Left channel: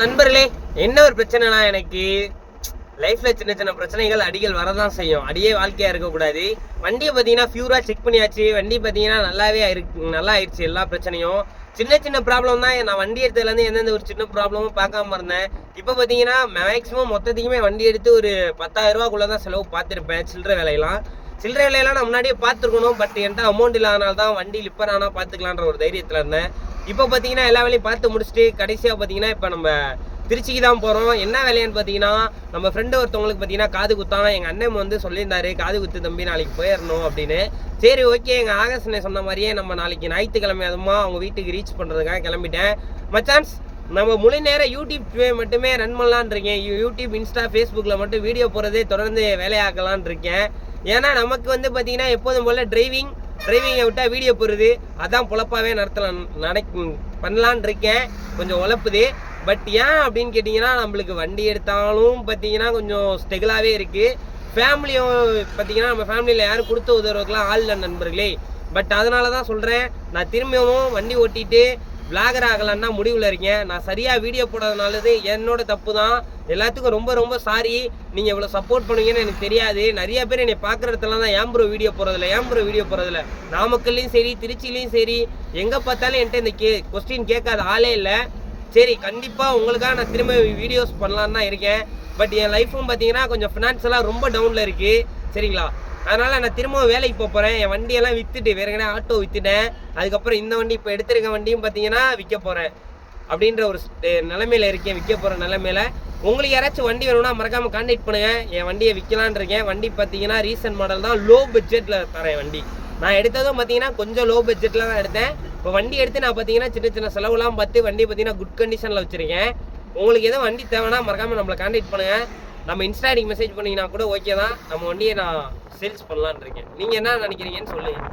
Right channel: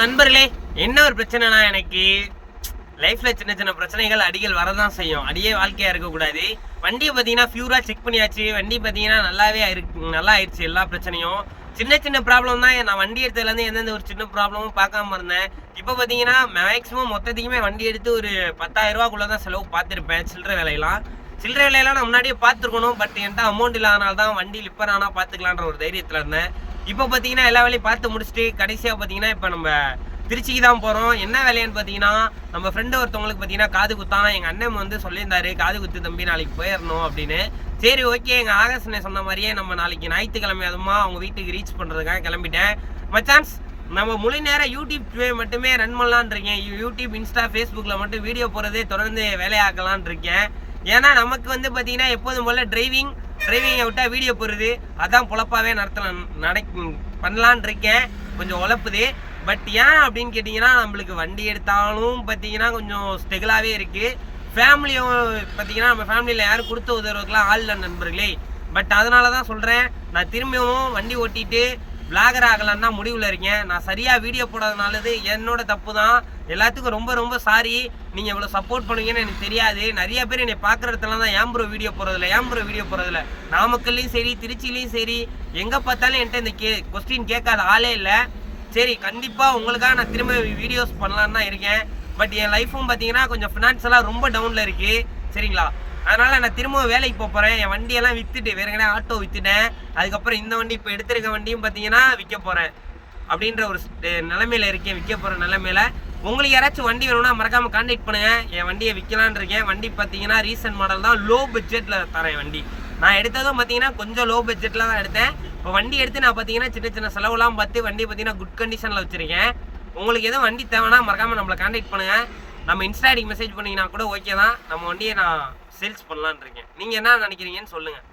நண்பர்களே, என்ன ஒரு பிரச்சனைனா எனக்கு லைஃப்ல சின்ன சின்ன பிரச்சனைகள் அடிகள் வரதான் செய்யும். அடியே வாழ்க்கையா இருக்கக்கூடாது. வண்டியை பார்த்தீங்கன்னா பியூரா செக் பண்ணியாச்சு. வண்டி பார்த்தீங்கன்னா நல்லா ஆயிடுச்சு. எல்லா பிரச்சனையும் சின்ன சின்ன ப்ராப்ளம் தான். நான் வண்டி எடுத்ததுலேருந்து எந்தெந்த ஒரு சின்ன ப்ராப்ளமும் பார்க்காம இருந்தேன். இப்போ பார்த்தீங்கன்னா மேக்ஸிமம் மொத்தத்துக்குமே வண்டி எடுத்து ஒரு 10,000 ரூபாக்குள்ளே தான் செலவு பார்த்துருப்பேன். சில்லறை வேலையெல்லாம் நான் முன்னாடியே பார்த்துருக்கணும். பட் என்கிட்ட அமௌண்ட் இல்லாதனால தான் வண்டி லிப்பர் ஆனால் பார்த்துக்கலான்ற ஒரு தைரியத்தில் இருந்தேன். இப்போ பார்த்தீங்கன்னா எல்லா வேலையும் பார்த்து முடிச்சுட்டு கடைசியாக பார்த்தீங்கன்னா இப்போ நம்ம திருச்சிக்கு தான் போகிறோம். என்ன வேலைன்னு பார்த்தீங்கன்னா நம்ம ஃப்ரெண்டு ஒருத்தவங்களுக்கு பார்த்தீங்கன்னா காது குத்தான். எங்கள் அண்ணன் வந்து சொல்லியிருந்தாரு, காது குத்து தம்பி நாளைக்கு போயிடணும் அப்படின்னு. சரி ஓகே, எங்கள் ஆகஸ்ட் சொன்ன மாதிரியே நம்ம நாளைக்கு ஞாயிற்றுக்கிழமை அதுமா அவங்க வீட்டுக்கு ரீச் பண்ணுறதுக்காக கிளம்பிட்டேன். மச்சான்ஸ், நம்ம முழு நேரம் யூடியூப் மட்டுமே ரன் பண்ணலான் இருக்கேன். யூடியூப், இன்ஸ்டா, ஃபேஸ்புக்கில் மட்டும் வீடியோ போகிறதே தொடர்ந்து வேலையாக்கலான் இருக்கேன். ஏன்னா நமக்கு வந்து பார்த்தீங்கன்னா எப்போதும் போல் டிரைவிங்கை விட்டால் வீடியோ போடுறது அதான் பொழப்பாகவே பண்ணலான் இருக்கேன். கொஞ்சம் உழப்புது. பட் ஏன் அப்படின்னு கேட்டிங்கன்னா நம்மளுக்கு வண்டி எடுத்தாலும் பார்த்தீங்கன்னா கொஞ்சம் ஸ்ட்ரகிளாகவே இருக்குது. ஃபேமிலியும் பார்த்தீங்கன்னா நம்ம ஃபேமிலியில் யாரும் கொடுத்து உதவுறதுக்கெலாம் ஆள் இல்லை நண்பர்களே. பட் அதனால தான் சொல்கிறேன், நான் திரும்பியும் வண்டி ஓட்டிட்டு விளாகர் ஆகலான்னா முடிவில் இருக்கேன். நான் சரியாக வீடியோ போடாதனாலது என்னோட தப்பு தான். எல்லாத்துக்கும் ரொம்ப ரொம்ப சாரி. நீங்கள் இவ்வளோ சப்போர்ட் பண்ணுவீங்கன்னு எனக்கு தெரியாது. நிறைய பேர் என்னை பார்க்குற இடத்துல தான் ஏன் ப்ரோ வீடியோ போகிறதில்ல. நாமக்கல்லையும் சரி, திருச்சிலையும் சரி, எங்கே பார்த்தாலும் என்கிட்ட இந்த கொஸ்டின் கேட்காத ஆளே இல்லை. சரி, கண்டிப்பாக உங்களுக்காக நான் திரும்ப வீடியோஸ் பண்ணலான்னு தான் இருக்கேன். பட் என் லைஃப்பும் பார்த்தீங்கன்னா கொஞ்சம் ஃபினான்ஷியலாக ரொம்ப டவுனில் இருக்குது. சரிங்களா? அதனால் நான் திரும்ப வேலைக்கு போகிறேன். என் வண்டியெல்லாம் விற்றுட்டு வேறு எங்கன்னா ஆட்டோ விற்றுட்டேன். அதுக்கப்புறம் இந்த வண்டி இப்போ எடுத்திருக்க வண்டியும் பார்த்தீங்கன்னா விற்க போகிறேன் அப்படின்ற ஒரு நிலைமையில் இருக்கேன். விற்க போகிற நிலைமையில் உங்களுக்கு யாராச்சும் வண்டி வேணும்னா மறக்காமல் கான்டாக்ட் பண்ணுங்கள். என் வண்டியை விற்கலான் இருக்கேன். வண்டி பார்த்தீங்கன்னா ரீசன்ட் மாடல் தான், லோ பட்ஜெட்டில் தரேன் வண்டி. நான் எடுத்ததும் பார்த்தீங்கன்னா கொஞ்சம் லோ பட்ஜெட்டில் தான் எடுத்தேன். இப்போ வண்டி எடுத்து நான் பார்த்தீங்கன்னா சின்ன சின்ன செலவுலாம் பார்த்து வண்டி பார்த்தீங்கன்னா குட் கண்டிஷனில் வச்சுருக்கேன். உங்களுக்கு எதுவும் வண்டி தேவைன்னா மறக்காமல் நம்மளை கான்டாக்ட் பண்ணுங்கள். நம்ம இன்ஸ்டா ஐடிக்கு மெசேஜ் பண்ணிங்கன்னா கூட ஓகே தான். நம்ம வண்டியை நான் சேல்ஸ் பண்ணலான் இருக்கேன். நீங்கள் என்ன நினைக்கிறீங்கன்னு சொல்லுங்கள்.